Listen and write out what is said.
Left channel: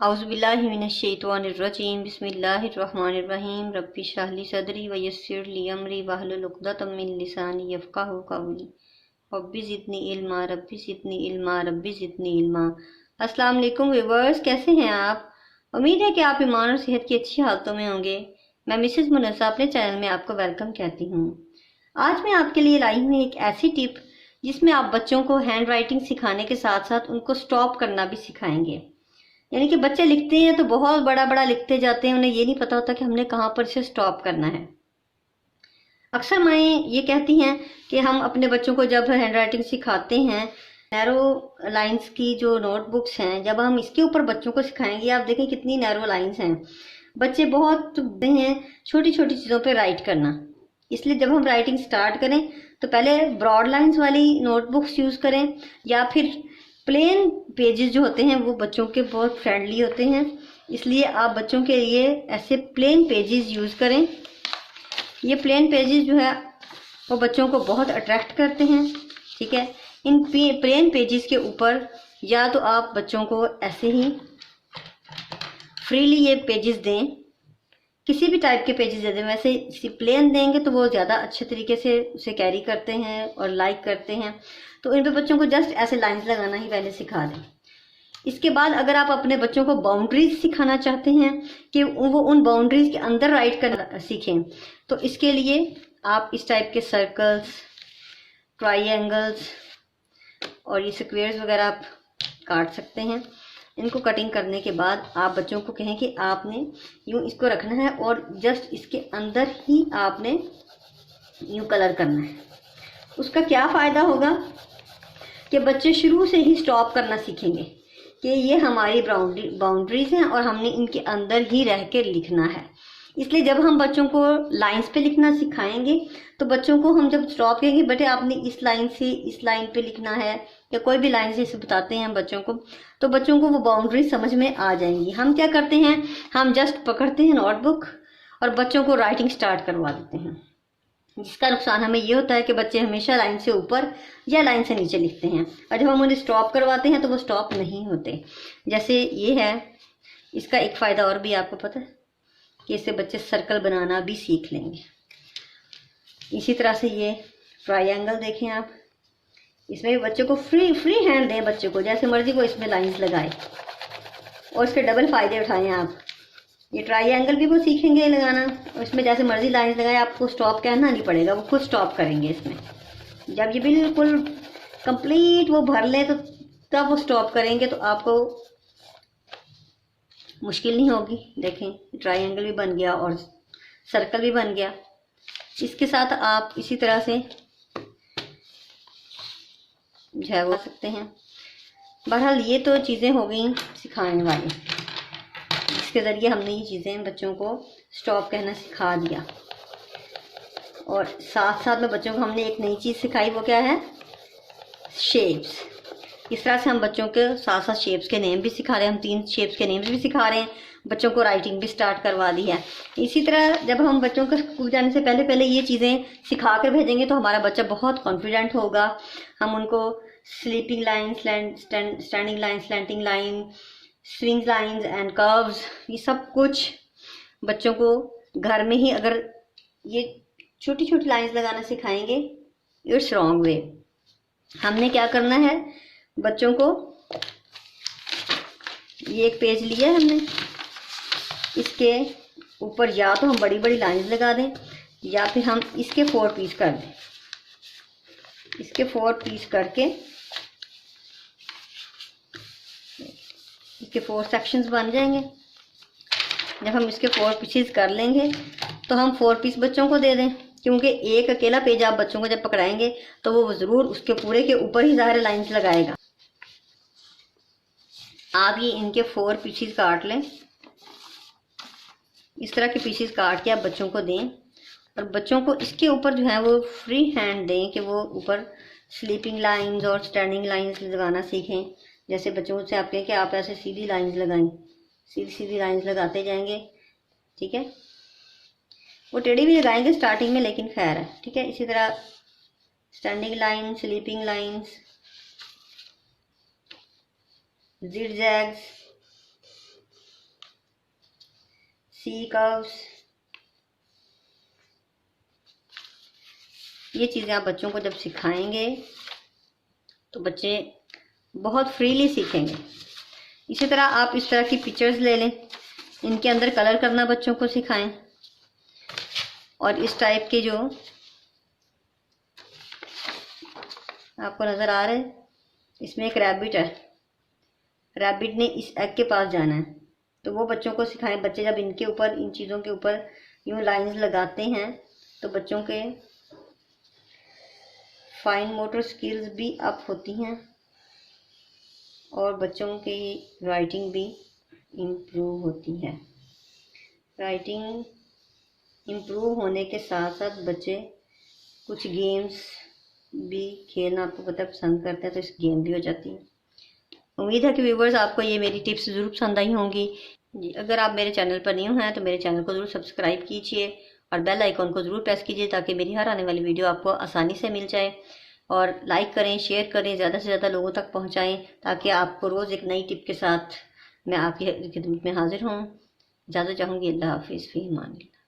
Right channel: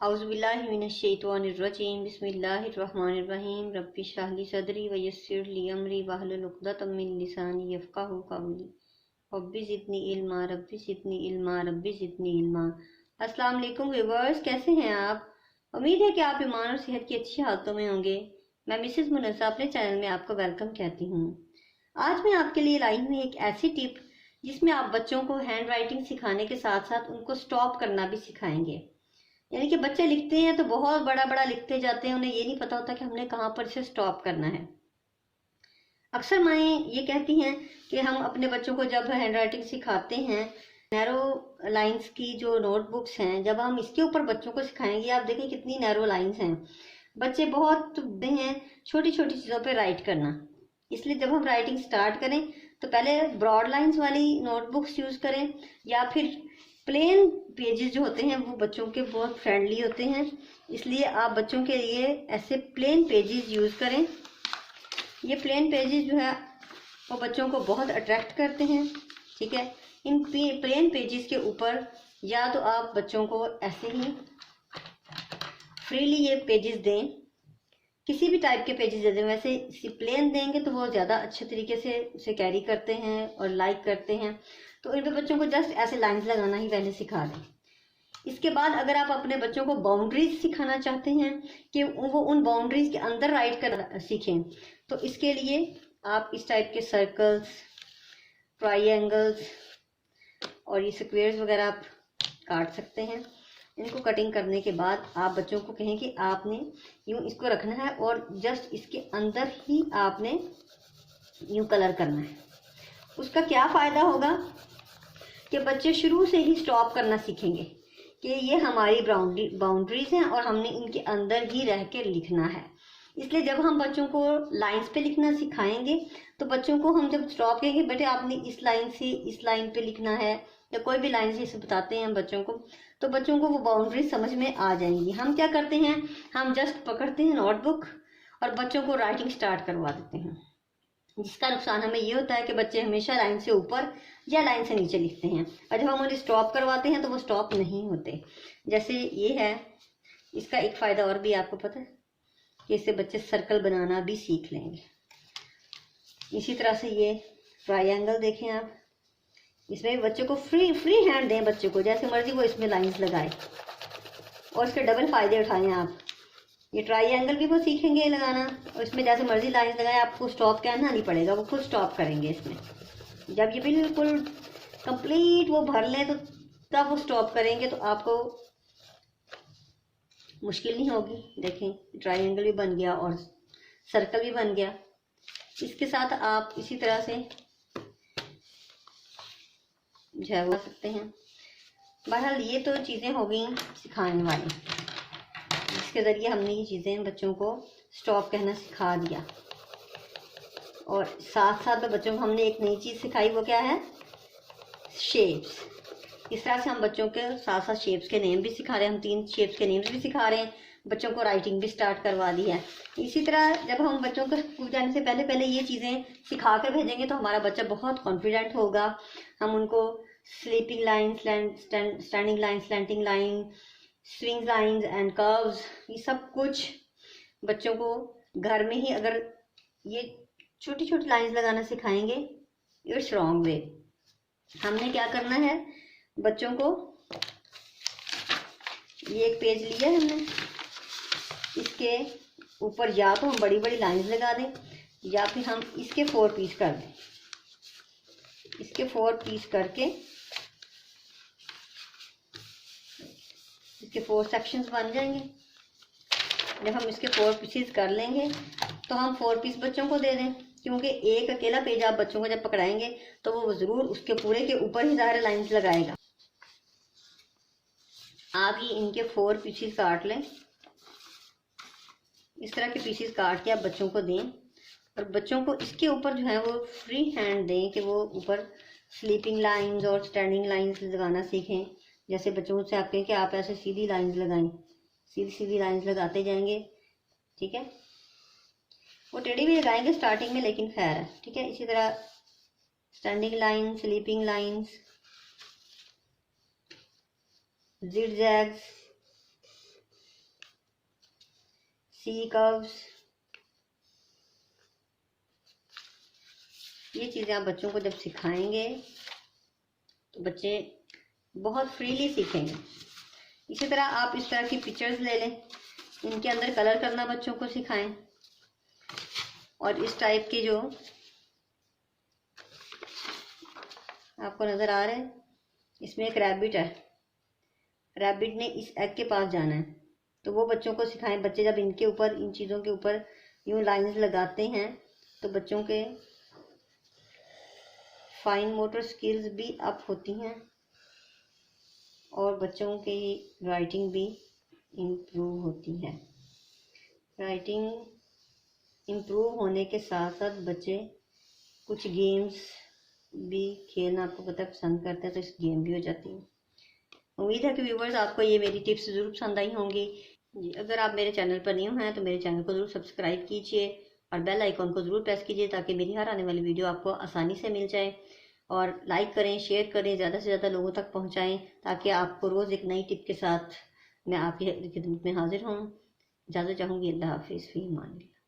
औज़ुबिल्लाहि मिनश्शैतानिर्रजीम बिस्मिल्लाहिर्रहमानिर्रहीम रब्बि इश्रह ली सदरी व यस्सिर ली अमरी वहलुल उक़दतम मिन लिसानी यफ़क़हू क़ौली रब्बि ज़िदनी इल्मा रब्बि ज़िदनी इल्मा रब्बि ज़िदनी इल्मा। अस्सलाम वालेकुम व्यूअर्स, कैसे हैं आप? उम्मीद है कि आप ईमान और सेहत की अच्छी हालतों में होंगे। मैं मिसेस मुनस्सा अपने चैनल में आपको वेलकम कहती हूँ। आज मैं आपके लिए लाई हूँ एक ऐसी टिप जिसमें आप बच्चों को हैंड राइटिंग सिखाने के साथ साथ उनको स्टॉप करना भी सिखाएंगे। यानी कि बच्चे लिखते हैं तो बहुत बड़ा बड़ा लिखते जाते हैं, उन्हें ये नहीं पता होता कि हमने कहाँ पर इसे स्टॉप करना है। अक्सर माएँ ये कहती हैं कि हम अपने बच्चों को जब हैंड राइटिंग सिखाते हैं, नैरो लाइंस की जो नोटबुक्स हैं, जब हम इसके ऊपर बच्चों को सिखाएंगे, आप देखें कितनी नैरो लाइंस हैं। बच्चे बहुत हैं छोटी छोटी चीज़ों पे राइट करना। इसलिए जब हम राइटिंग स्टार्ट करें तो पहले ब्रॉड लाइंस वाली नोटबुक्स यूज़ करें, या फिर प्लेन पेजेस जो होते हैं वो बच्चों के बहुत फ्रेंडली होते हैं। इसलिए आप बच्चों के लिए ऐसे प्लेन पेजेस यूज़ करें। ये प्लेन पेजेस जो है वो बच्चों को बहुत अट्रैक्ट करते हैं। ठीक है, इन प्लेन पेजेस के ऊपर या तो आप बच्चों को ऐसे ही फ्रीली ये पेजेस दें, किसी भी टाइप के पेजेस दे दें। वैसे प्लेन देंगे तो वो ज़्यादा अच्छे तरीके से उसे कैरी करते हैं और लाइक करते हैं। तो इन पे बच्चों को जस्ट ऐसे लाइंस लगाना ही पहले सिखा दें। इसके बाद अगर आप अपने बच्चों को बाउंड्रीज सिखाना चाहते हैं कि वो उन बाउंड्रीज के अंदर राइट कर सीखें, तो इसके लिए आप इस टाइप के सर्कल्स, ट्राइएंगल्स और ये स्क्वेयर्स वगैरह आप काट सकते हैं। इनको कटिंग करने के बाद आप बच्चों को कहें कि आपने यूँ इसको रखना है और जस्ट इसके अंदर ही आपने यूँ कलर करना है। उसका क्या फ़ायदा होगा कि बच्चे शुरू से ही स्टॉप करना सीखेंगे कि ये हमारी बाउंड्रीज हैं और हमने इनके अंदर ही रह कर लिखना है। इसलिए जब हम बच्चों को लाइंस पे लिखना सिखाएंगे तो बच्चों को हम जब स्टॉप कहेंगे, बेटे आपने इस लाइन से इस लाइन पे लिखना है, या कोई भी लाइन से इसे बताते हैं बच्चों को, तो बच्चों को वो बाउंड्री समझ में आ जाएंगी। हम क्या करते हैं, हम जस्ट पकड़ते हैं नोटबुक और बच्चों को राइटिंग स्टार्ट करवा देते हैं, जिसका नुकसान हमें ये होता है कि बच्चे हमेशा लाइन से ऊपर या लाइन से नीचे लिखते हैं, और जब हम उन्हें स्टॉप करवाते हैं तो वो स्टॉप नहीं होते। जैसे ये है, इसका एक फ़ायदा और भी आपको पता है कि इससे बच्चे सर्कल बनाना भी सीख लेंगे। इसी तरह से ये ट्रायंगल देखें आप, इसमें भी बच्चे को फ्री हैंड दें, बच्चे को जैसे मर्जी वो इसमें लाइंस लगाए और इसके डबल फ़ायदे उठाएं आप। ये ट्रायंगल भी वो सीखेंगे लगाना और इसमें जैसे मर्जी लाइंस लगाए, आपको स्टॉप कहना नहीं पड़ेगा, वो खुद स्टॉप करेंगे इसमें। जब ये बिल्कुल कंप्लीट वो भर लें तो तब वो स्टॉप करेंगे, तो आपको मुश्किल नहीं होगी। देखें ट्रायंगल भी बन गया और सर्कल भी बन गया। इसके साथ आप इसी तरह से जो है वो सकते हैं। बहरहाल ये तो चीज़ें हो गई सिखाने वाली, जिसके ज़रिए हमने ये चीज़ें बच्चों को स्टॉप कहना सिखा दिया। और साथ साथ में बच्चों को हमने एक नई चीज़ सिखाई, वो क्या है, शेप्स। इस तरह से हम बच्चों के साथ साथ शेप्स के नेम भी सिखा रहे हैं। हम 3 शेप्स के नेम्स भी सिखा रहे हैं, बच्चों को राइटिंग भी स्टार्ट करवा दी है। इसी तरह जब हम बच्चों को स्कूल जाने से पहले पहले ये चीज़ें सिखा कर भेजेंगे तो हमारा बच्चा बहुत कॉन्फिडेंट होगा। हम उनको sleeping line, standing line, slanting line, swing lines and curves, ये सब कुछ बच्चों को घर में ही अगर ये छोटी छोटी लाइंस लगाना सिखाएंगे, इट्स रॉन्ग वे। हमने क्या करना है, बच्चों को ये एक पेज लिया है हमने, इसके ऊपर या तो हम बड़ी बड़ी लाइंस लगा दें या फिर हम इसके 4 पीस कर दें। इसके 4 पीस करके इसके 4 सेक्शंस बन जाएंगे। जब हम इसके 4 पीसेस कर लेंगे तो हम 4 पीस बच्चों को दे दें, क्योंकि एक अकेला पेज आप बच्चों को जब पकड़ाएंगे तो वो ज़रूर उसके पूरे के ऊपर ही ज़ाहिर लाइंस लगाएगा। आप ये इनके 4 पीसेस काट लें, इस तरह के पीसेस काट के आप बच्चों को दें और बच्चों को इसके ऊपर जो है वो फ्री हैंड दें कि वो ऊपर स्लीपिंग लाइंस और स्टैंडिंग लाइंस लगाना सीखें। जैसे बच्चों से आप कहें कि आप ऐसे सीधी लाइंस लगाएं, सीधी सीधी लाइंस लगाते जाएंगे। ठीक है, वो टेढ़ी भी लगाएंगे स्टार्टिंग में, लेकिन खैर है। ठीक है, इसी तरह स्टैंडिंग लाइन, स्लीपिंग लाइंस, जिगजैग्स, सी कर्व्स, ये चीज़ें आप बच्चों को जब सिखाएंगे तो बच्चे बहुत फ्रीली सीखेंगे। इसी तरह आप इस तरह की पिक्चर्स ले लें, इनके अंदर कलर करना बच्चों को सिखाएं। और इस टाइप के जो आपको नज़र आ रहे हैं, इसमें एक रैबिट है, रैबिट ने इस एग के पास जाना है, तो वो बच्चों को सिखाएं। बच्चे जब इनके ऊपर, इन चीज़ों के ऊपर यूँ लाइंस लगाते हैं तो बच्चों के फाइन मोटर स्किल्स भी अप होती हैं और बच्चों की राइटिंग भी इम्प्रूव होती है। राइटिंग इम्प्रूव होने के साथ साथ बच्चे कुछ गेम्स भी खेलना, आपको पता पसंद करते हैं, तो इस गेम भी हो जाती है। उम्मीद है कि व्यूवर्स आपको ये मेरी टिप्स ज़रूर पसंद आई होंगी जी। अगर आप मेरे चैनल पर न्यू हैं तो मेरे चैनल को ज़रूर सब्सक्राइब कीजिए और बेल आइकॉन को ज़रूर प्रेस कीजिए ताकि मेरी हर आने वाली वीडियो आपको आसानी से मिल जाए। और लाइक करें, शेयर करें, ज़्यादा से ज़्यादा लोगों तक पहुँचाएँ ताकि आपको रोज़ एक नई टिप के साथ मैं आपकी खिदमत में हाजिर हूँ। इजाज़त चाहूँगी। अल्लाह हाफिज़, फ़ी अमान अल्लाह।